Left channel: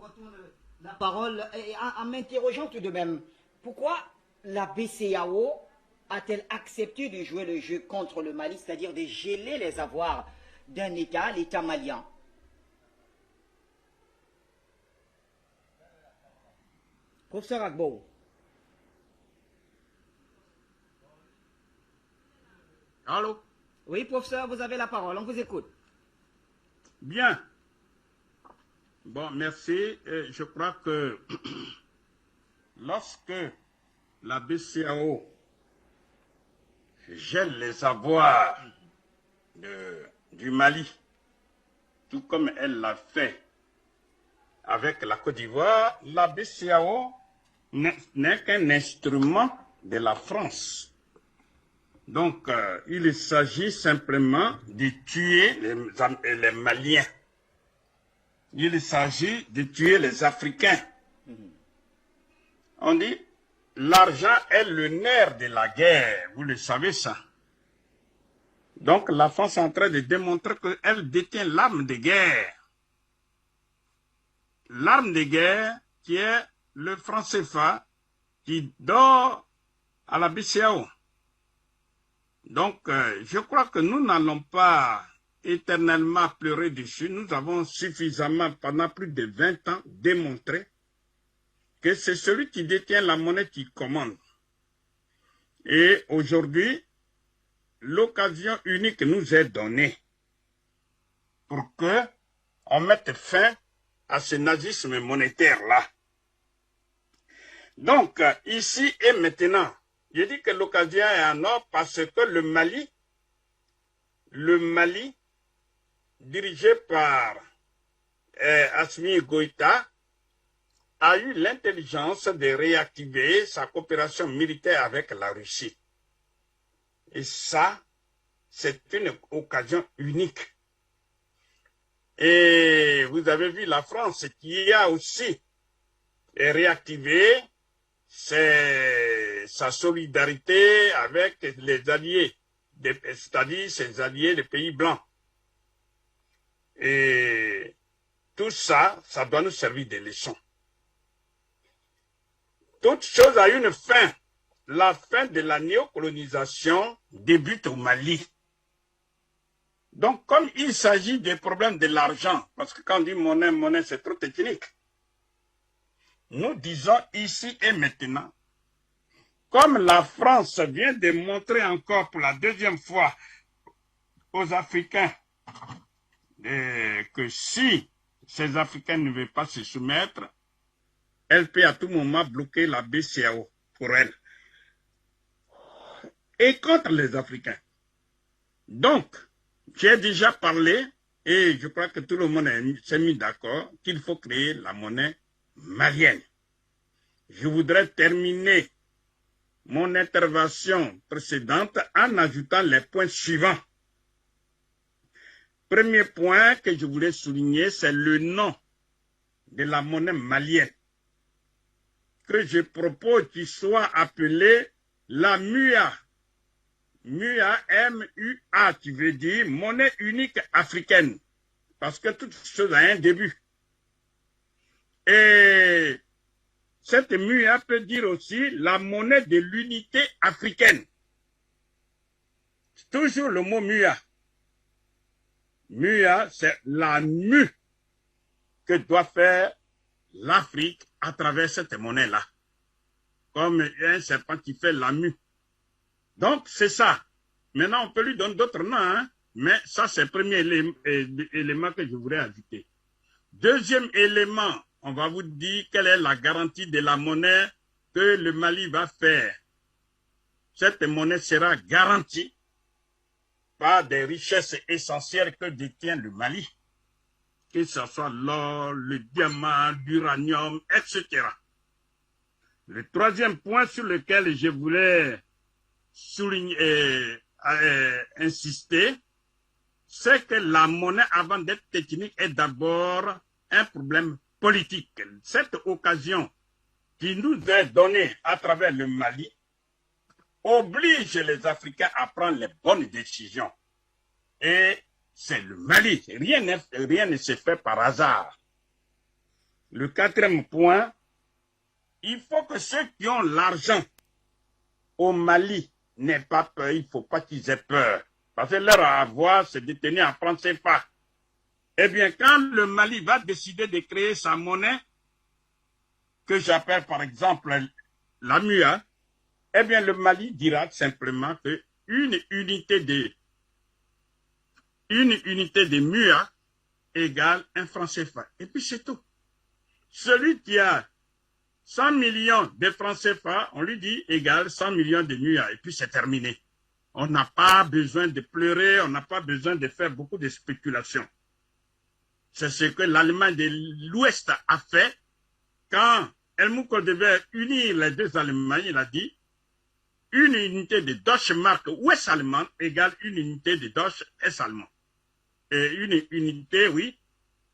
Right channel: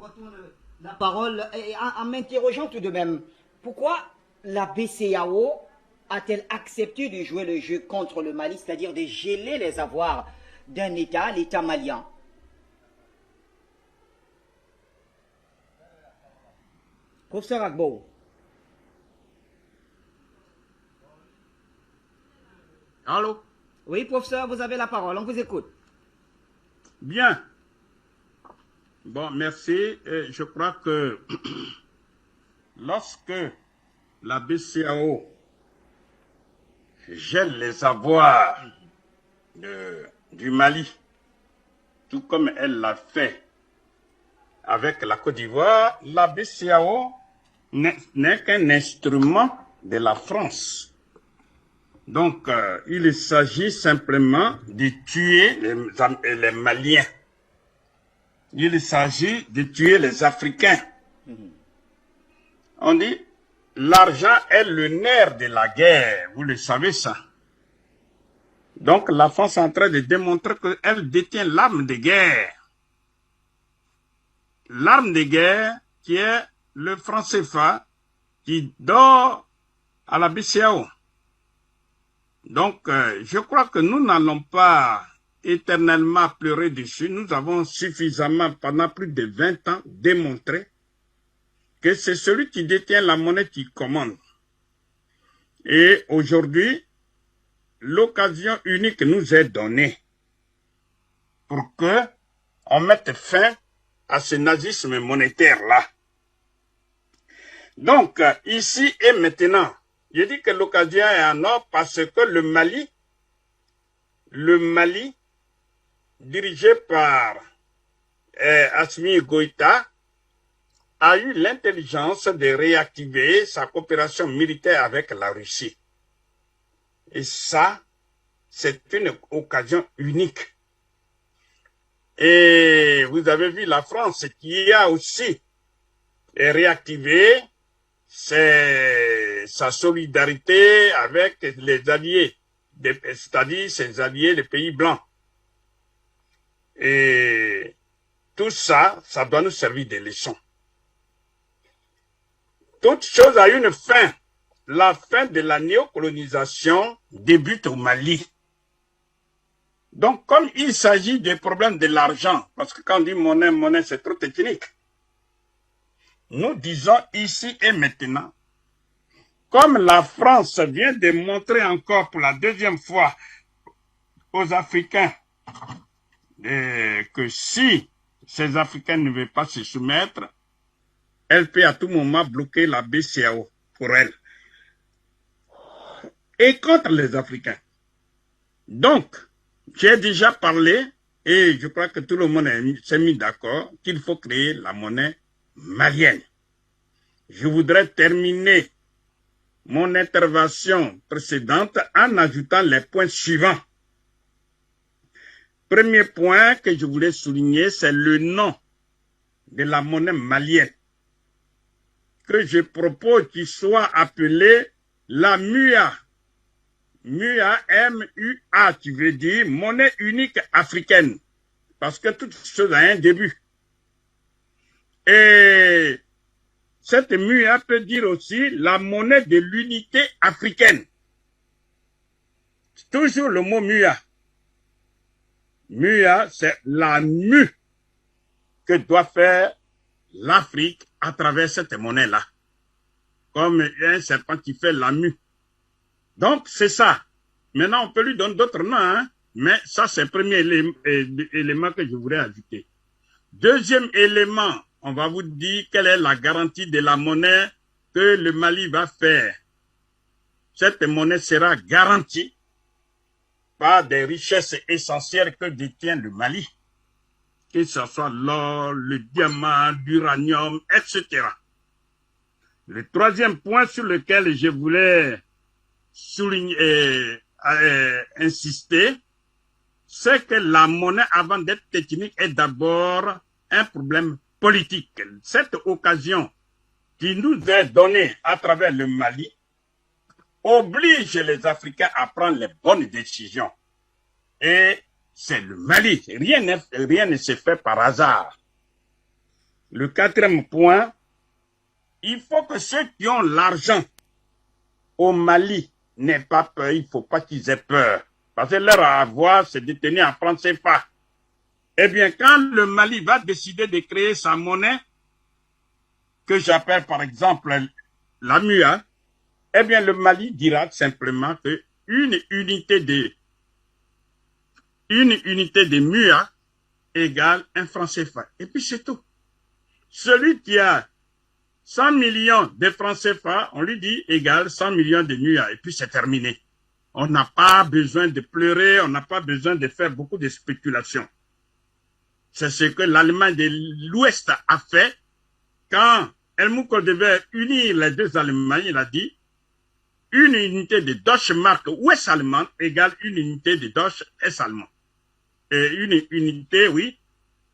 retourne la parole en m'interrogeant tout de même. Pourquoi la BCEAO a-t-elle accepté de jouer le jeu contre le Mali, c'est-à-dire de geler les avoirs d'un État, l'État malien? Professeur Agbo. Allô? Oui, professeur, vous avez la parole, on vous écoute. Bien. Bon, merci. Et je crois que lorsque la BCEAO gèle les avoirs du Mali, tout comme elle l'a fait avec la Côte d'Ivoire, la BCEAO n'est qu'un instrument de la France. Donc, il s'agit simplement de tuer les Maliens. Il s'agit de tuer les Africains. On dit, l'argent est le nerf de la guerre. Vous le savez ça. Donc, la France est en train de démontrer qu'elle détient l'arme de guerre. L'arme de guerre qui est le franc CFA qui dort à la BCEAO. Donc, je crois que nous n'allons pas éternellement pleurer dessus. Nous avons suffisamment, pendant plus de 20 ans, démontré que c'est celui qui détient la monnaie qui commande. Et aujourd'hui, l'occasion unique nous est donnée pour que on mette fin à ce nazisme monétaire-là. Donc, ici et maintenant, je dis que l'occasion est en or parce que le Mali, dirigé par Assimi Goïta, a eu l'intelligence de réactiver sa coopération militaire avec la Russie. Et ça, c'est une occasion unique. Et vous avez vu la France qui a aussi réactivé sa solidarité avec les alliés, c'est-à-dire ses alliés, les pays blancs. Et tout ça, ça doit nous servir de leçon. Toute chose a une fin. La fin de la néocolonisation débute au Mali. Donc, comme il s'agit des problèmes de l'argent, parce que quand on dit monnaie, monnaie, c'est trop technique. Nous disons ici et maintenant, comme la France vient de montrer encore pour la deuxième fois aux Africains que si ces Africains ne veulent pas se soumettre, elle peut à tout moment bloquer la BCEAO pour elle. Et contre les Africains. Donc, j'ai déjà parlé, et je crois que tout le monde s'est mis d'accord, qu'il faut créer la monnaie malienne. Je voudrais terminer mon intervention précédente en ajoutant les points suivants. Premier point que je voulais souligner, c'est le nom de la monnaie malienne, que je propose qu'il soit appelé la MUA. MUA, M-U-A, qui veut dire monnaie unique africaine, parce que toute chose a un début. Et cette MUA peut dire aussi la monnaie de l'unité africaine. Toujours le mot MUA. MUA, c'est la mue que doit faire l'Afrique à travers cette monnaie-là. Comme un serpent qui fait la mue. Donc, c'est ça. Maintenant, on peut lui donner d'autres noms, hein? Mais ça, c'est le premier élément que je voudrais ajouter. Deuxième élément, on va vous dire quelle est la garantie de la monnaie que le Mali va faire. Cette monnaie sera garantie par des richesses essentielles que détient le Mali, que ce soit l'or, le diamant, l'uranium, etc. Le troisième point sur lequel je voulais insister, c'est que la monnaie, avant d'être technique, est d'abord un problème politique. Cette occasion qui nous est donnée à travers le Mali oblige les Africains à prendre les bonnes décisions. Et c'est le Mali. Rien ne se fait par hasard. Le quatrième point, il faut que ceux qui ont l'argent au Mali n'aient pas peur. Il ne faut pas qu'ils aient peur. Parce que leur avoir, c'est de tenir en francs CFA. Eh bien, quand le Mali va décider de créer sa monnaie, que j'appelle par exemple la MUA, eh bien, le Mali dira simplement que une unité de MUA égale un franc CFA. Et puis c'est tout. Celui qui a 100 millions de francs CFA, on lui dit égale 100 millions de MUA. Et puis c'est terminé. On n'a pas besoin de pleurer, on n'a pas besoin de faire beaucoup de spéculations. C'est ce que l'Allemagne de l'Ouest a fait quand Helmut Kohl devait unir les deux Allemagnes. Il a dit une unité de Deutsche Mark ouest allemande égale une unité de Deutsche est allemand. Et une unité, oui,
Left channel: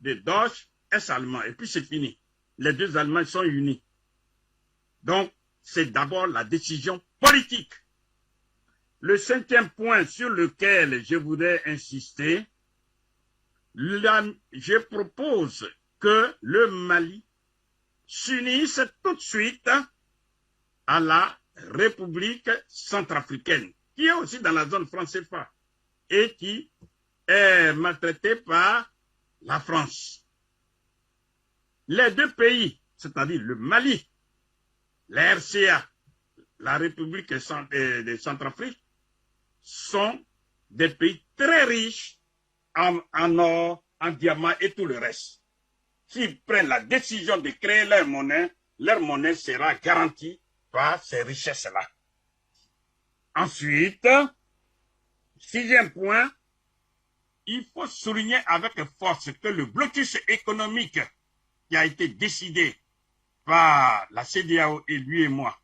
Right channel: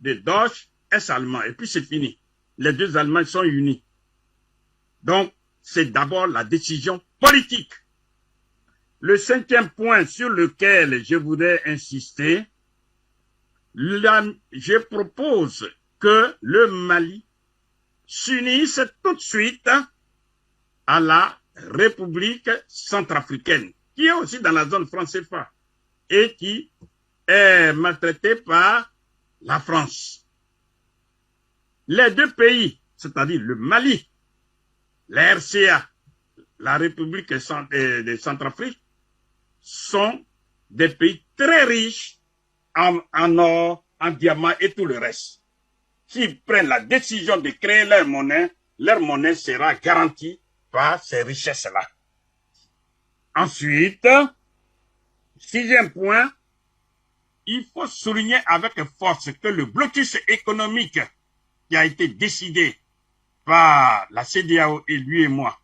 de Deutsche est allemand. Et puis c'est fini. Les deux Allemagnes sont unis. Donc, c'est d'abord la décision politique. Le cinquième point sur lequel je voudrais insister, je propose que le Mali s'unisse tout de suite à la République centrafricaine, qui est aussi dans la zone franc CFA et qui est maltraitée par la France. Les deux pays, c'est-à-dire le Mali, la RCA, la République de Centrafrique, sont des pays très riches en or, en diamants et tout le reste. S'ils prennent la décision de créer leur monnaie sera garantie par ces richesses-là. Ensuite, sixième point, il faut souligner avec force que le blocus économique qui a été décidé par la CEDEAO et lui et moi,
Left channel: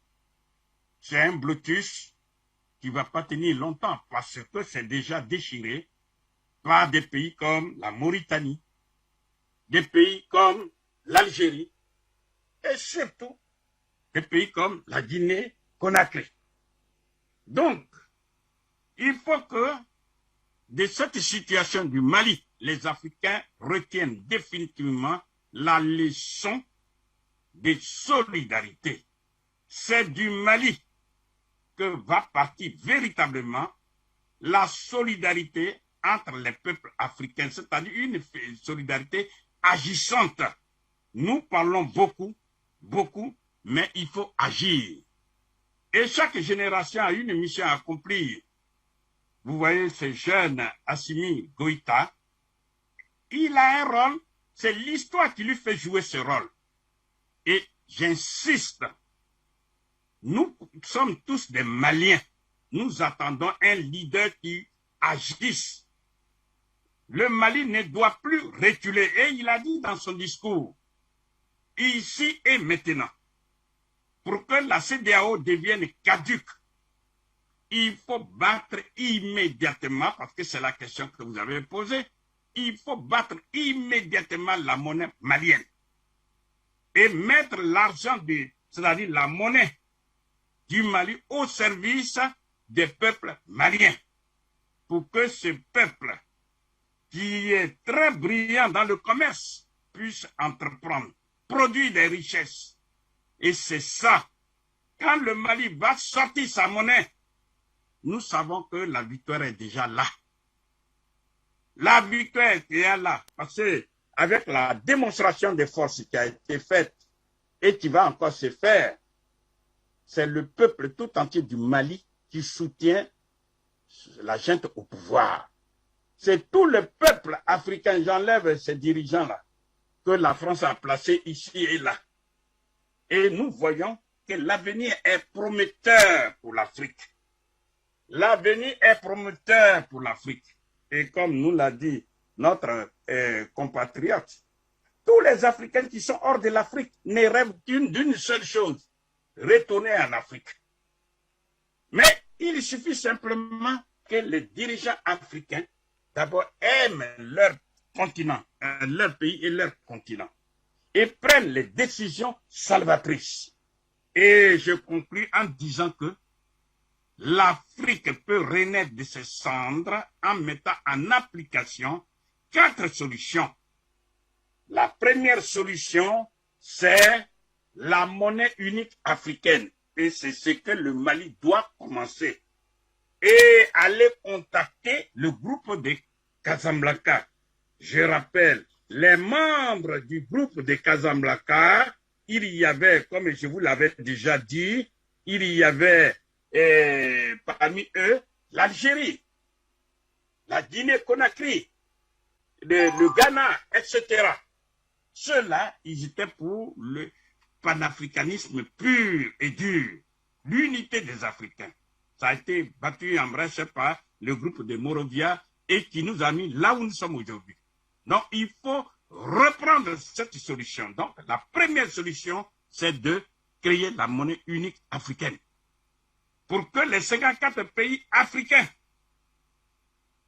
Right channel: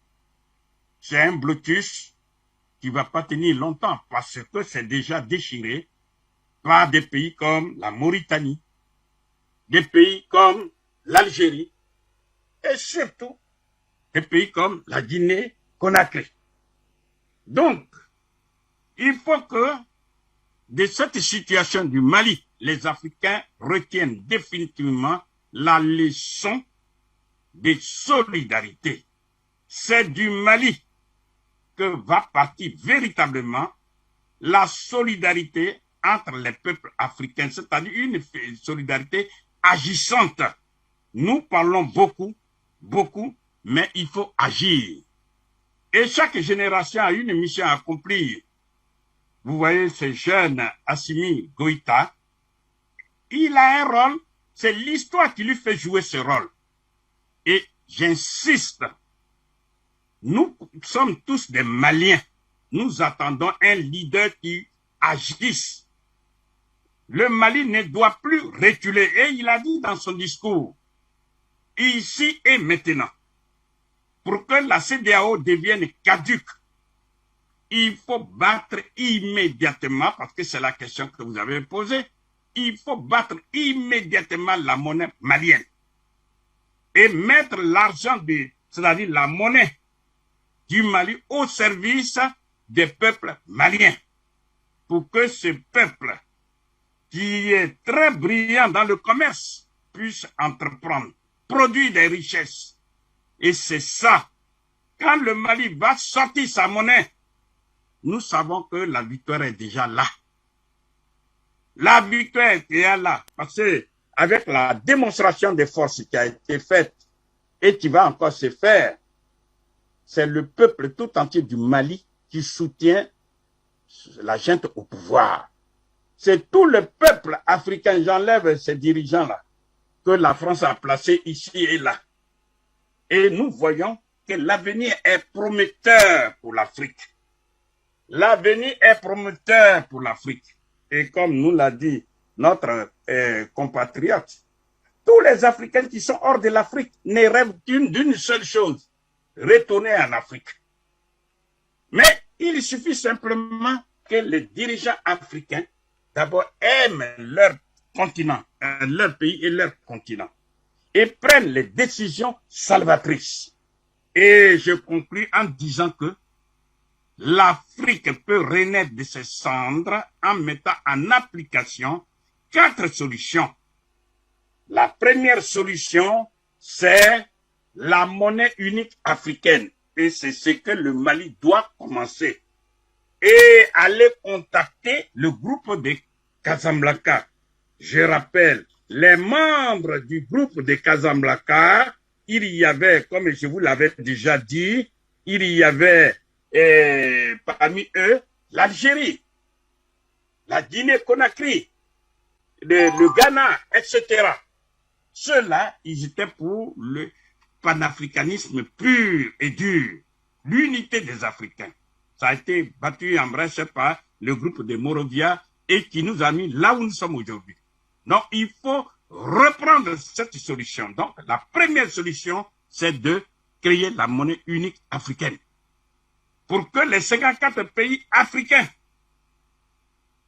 c'est un blocus qui ne va pas tenir longtemps parce que c'est déjà déchiré par des pays comme la Mauritanie, des pays comme l'Algérie et surtout des pays comme la Guinée-Conakry. Donc, il faut que de cette situation du Mali, les Africains retiennent définitivement la leçon de solidarité. C'est du Mali que va partir véritablement la solidarité entre les peuples africains, c'est-à-dire une solidarité agissante. Nous parlons beaucoup, mais il faut agir. Et chaque génération a une mission à accomplir. Vous voyez ce jeune Assimi Goïta, il a un rôle, c'est l'histoire qui lui fait jouer ce rôle. Et j'insiste, nous sommes tous des Maliens. Nous attendons un leader qui agisse. Le Mali ne doit plus reculer. Et il a dit dans son discours, ici et maintenant, pour que la CEDEAO devienne caduque, il faut battre immédiatement, parce que c'est la question que vous avez posée, il faut battre immédiatement la monnaie malienne et mettre l'argent, c'est-à-dire la monnaie du Mali au service des peuples maliens, pour que ce peuple, qui est très brillant dans le commerce, puisse entreprendre, produire des richesses. Et c'est ça. Quand le Mali va sortir sa monnaie, nous savons que la victoire est déjà là. La victoire est déjà là. Parce que avec la démonstration de force qui a été faite et qui va encore se faire, c'est le peuple tout entier du Mali qui soutient la junte au pouvoir. C'est tout le peuple africain, j'enlève ces dirigeants-là, que la France a placés ici et là. Et nous voyons que l'avenir est prometteur pour l'Afrique. L'avenir est prometteur pour l'Afrique. Et comme nous l'a dit notre compatriote, tous les Africains qui sont hors de l'Afrique ne rêvent d'une seule chose, retourner en Afrique. Mais il suffit simplement que les dirigeants africains d'abord aiment leur continent, leur pays et leur continent, et prennent les décisions salvatrices. Et je conclus en disant que l'Afrique peut renaître de ses cendres en mettant en application 4 solutions. La première solution, c'est la monnaie unique africaine. Et c'est ce que le Mali doit commencer. Et aller contacter le groupe de Casablanca. Je rappelle, les membres du groupe de Casablanca, il y avait, comme je vous l'avais déjà dit, il y avait parmi eux l'Algérie, la Guinée-Conakry, le Ghana, etc. Ceux-là, ils étaient pour le panafricanisme pur et dur, l'unité des Africains. Ça a été battu en brèche par le groupe de Morovia et qui nous a mis là où nous sommes aujourd'hui. Donc, il faut reprendre cette solution. Donc, la première solution, c'est de créer la monnaie unique africaine. Pour que les 54 pays africains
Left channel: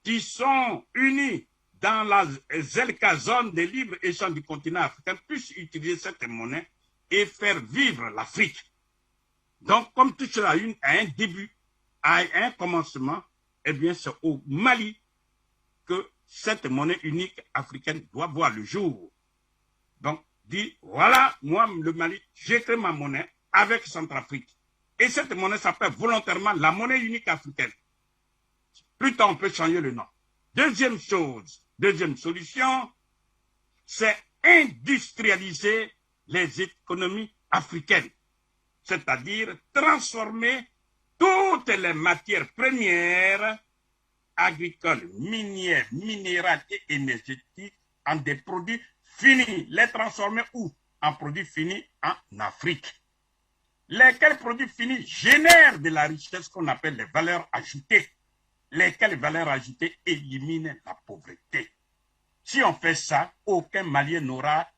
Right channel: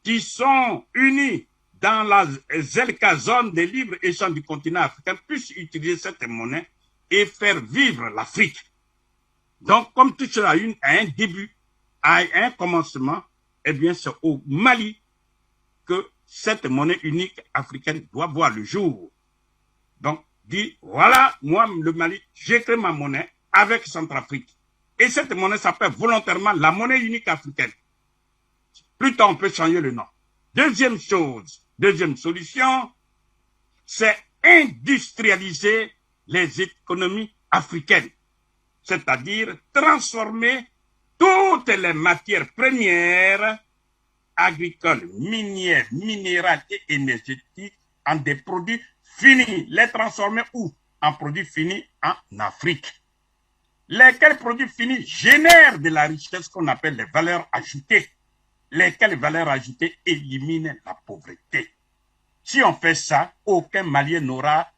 qui sont unis dans la ZELCA, zone de libre-échange du continent africain, puissent utiliser cette monnaie et faire vivre l'Afrique. Donc, comme tout cela a un début, a un commencement, eh bien, c'est au Mali que cette monnaie unique africaine doit voir le jour. Donc, dit, voilà, moi, le Mali, j'ai créé ma monnaie avec Centrafrique. Et cette monnaie s'appelle volontairement la monnaie unique africaine. Plus tard, on peut changer le nom. Deuxième chose, deuxième solution, c'est industrialiser les économies africaines. C'est-à-dire transformer toutes les matières premières agricoles, minières, minérales et énergétiques en des produits finis. Les transformer où? En produits finis en Afrique. Lesquels produits finis génèrent de la richesse qu'on appelle les valeurs ajoutées. Lesquelles valeurs ajoutées éliminent la pauvreté. Si on fait ça, aucun Malien n'aura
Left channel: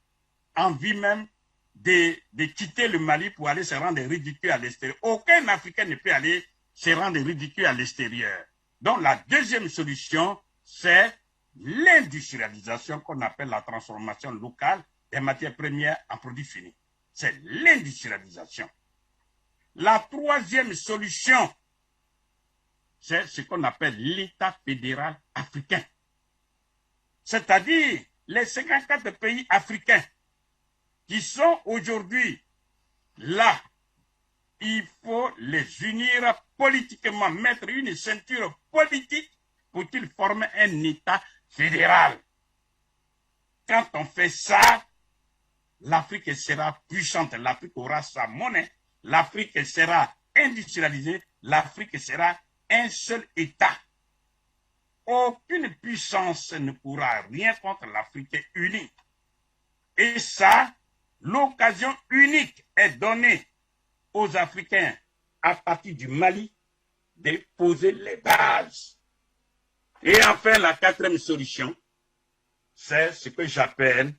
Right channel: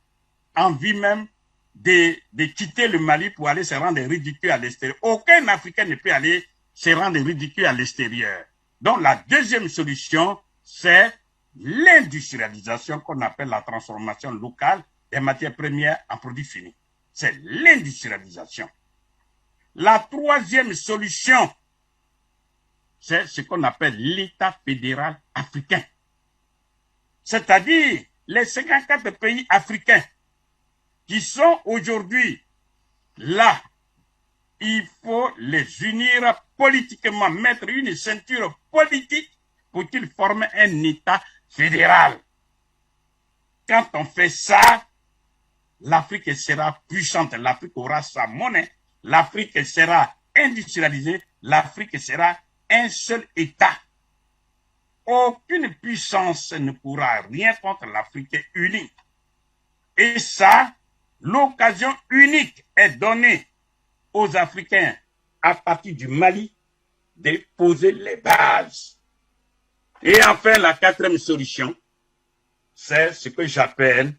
envie même de quitter le Mali pour aller se rendre ridicule à l'extérieur. Aucun Africain ne peut aller se rendre ridicule à l'extérieur. Donc la deuxième solution, c'est l'industrialisation qu'on appelle la transformation locale des matières premières en produits finis. C'est l'industrialisation. La troisième solution, c'est ce qu'on appelle l'État fédéral africain. C'est-à-dire les 54 pays africains qui sont aujourd'hui là, il faut les unir politiquement, mettre une ceinture politique pour qu'ils forment un État fédéral. Quand on fait ça, l'Afrique sera puissante, l'Afrique aura sa monnaie, l'Afrique sera industrialisée, l'Afrique sera un seul État. Aucune puissance ne pourra rien contre l'Afrique unie. Et ça, l'occasion unique est donnée aux Africains à partir du Mali de poser les bases. Et enfin, la quatrième solution, c'est ce que j'appelle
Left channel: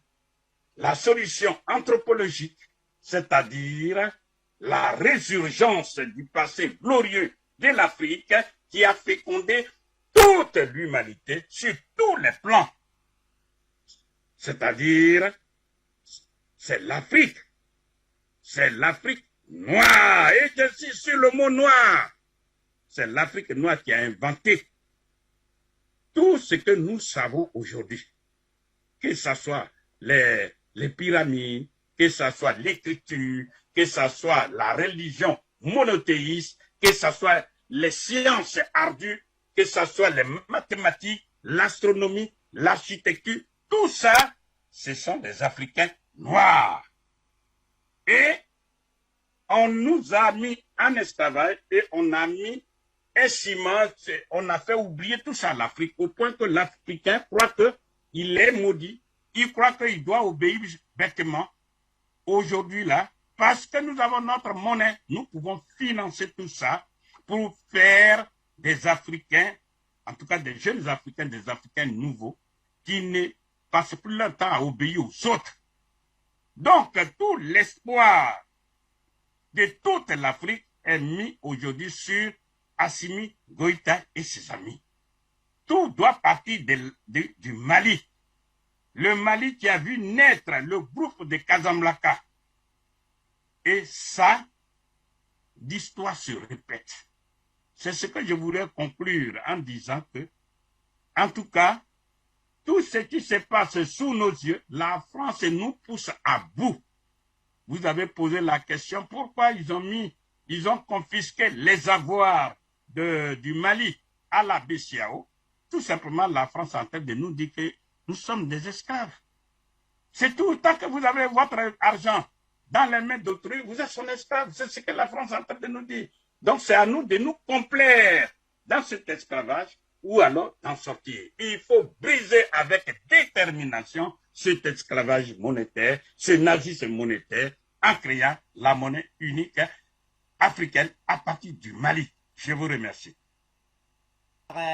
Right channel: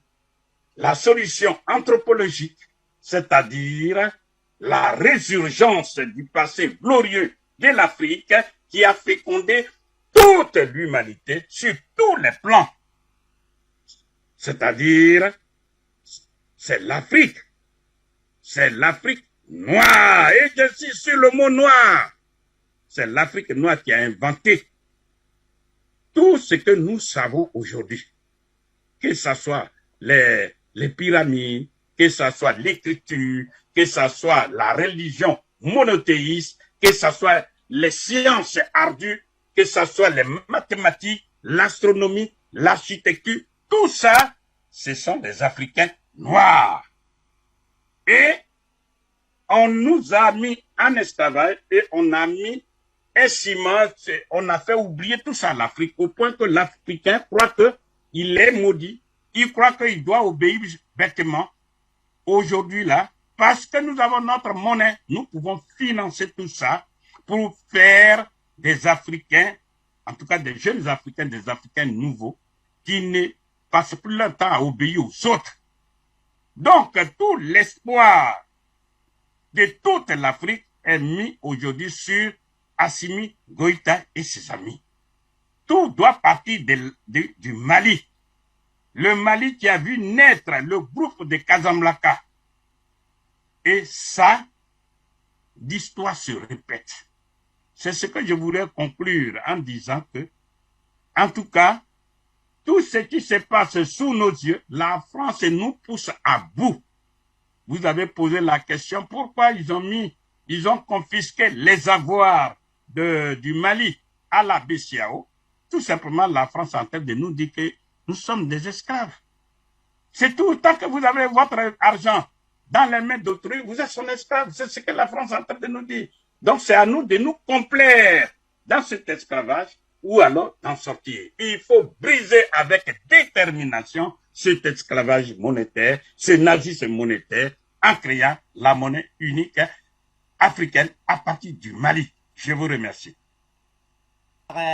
la solution anthropologique, c'est-à-dire la résurgence du passé glorieux de l'Afrique qui a fécondé toute l'humanité sur tous les plans. C'est-à-dire, c'est l'Afrique noire. Et je suis sur le mot noir. C'est l'Afrique noire qui a inventé tout ce que nous savons aujourd'hui. Que ce soit les pyramides, que ce soit l'écriture, que ce soit la religion monothéiste, que ce soit les sciences ardues, que ce soit les mathématiques, l'astronomie, l'architecture, tout ça, ce sont des Africains noirs. Et on nous a mis en esclavage et on a mis un ciment, on a fait oublier tout ça à l'Afrique, au point que l'Africain croit qu'il est maudit, il croit qu'il doit obéir bêtement. Aujourd'hui là, parce que nous avons notre monnaie, nous pouvons financer tout ça pour faire des Africains, en tout cas des jeunes Africains, des Africains nouveaux, qui ne passent plus leur temps à obéir aux autres. Donc, tout l'espoir de toute l'Afrique est mis aujourd'hui sur Assimi Goïta et ses amis. Tout doit partir du Mali. Le Mali qui a vu naître le groupe de Casablanca. Et ça, l'histoire se répète. C'est ce que je voudrais conclure en disant que, en tout cas, tout ce qui se passe sous nos yeux, la France nous pousse à bout. vous avez posé la question pourquoi ils ont confisqué les avoirs du Mali à la BCEAO. Tout simplement, la France est en train de nous dire que nous sommes des esclaves. C'est tout. Tant que vous avez votre argent dans les mains d'autrui, vous êtes son esclave. C'est ce que la France est en train de nous dire. Donc, c'est à nous de nous complaire dans cet esclavage ou alors d'en sortir. Il faut briser avec détermination cet esclavage monétaire, ce nazisme monétaire, en créant la monnaie unique africaine à partir du Mali. Je vous remercie.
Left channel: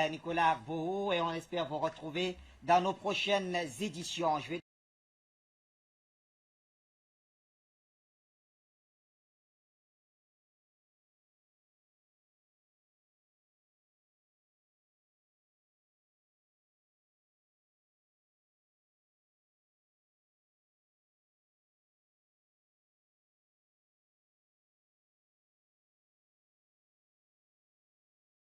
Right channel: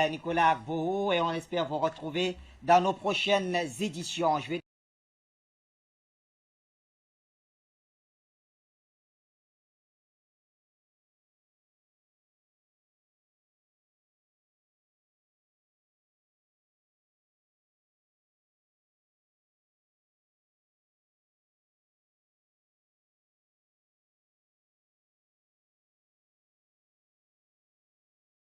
Nicolas Agbourou, et on espère vous retrouver dans nos prochaines éditions.